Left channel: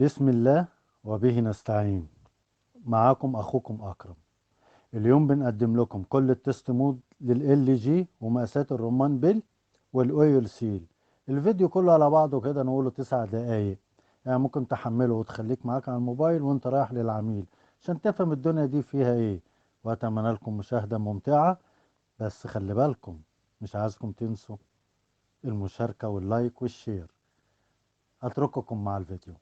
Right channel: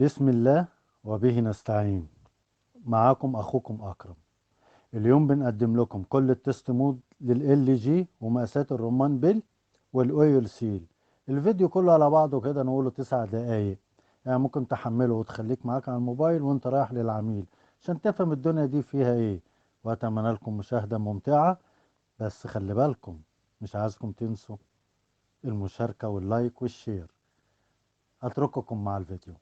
بسم الله وبه نستعين. معاكم اخوكم اكرم. اليوم بنقدم لكم كل التست مود لل جي ومقاسات الرمان بيل والاويل سيل. الفيديو كله على بعضه كده نقوله 9 دقايق، يعني ممكن تحمله وتخليك معاك على الموبايل وانت رايح للعميل عشان تفهم الدنيا دي فيها ايه. واتمنى لكم مشاهدة ممتعة، بس خلي بالكم مش عايزكم تنسوا المشاركة واللايك والشير. اترككم مع الفيديو.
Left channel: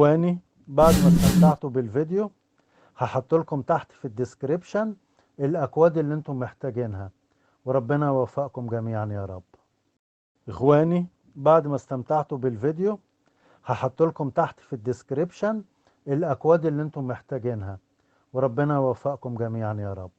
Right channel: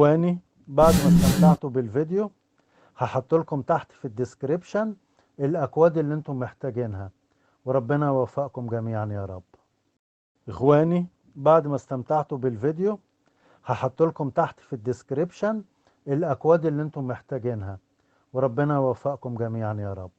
اخواني، بعد ما استمتعتوا بالفيديو هحط لكم تحت في الديسكريبشن الاكواد اللي انتم محتاجينها، وربنا يوفقكم جميعا يا رب. اخواني، بعد ما استمتعتوا بالفيديو هحط لكم تحت في الديسكريبشن الاكواد اللي انتم محتاجينها، وربنا يوفقكم جميعا يا رب.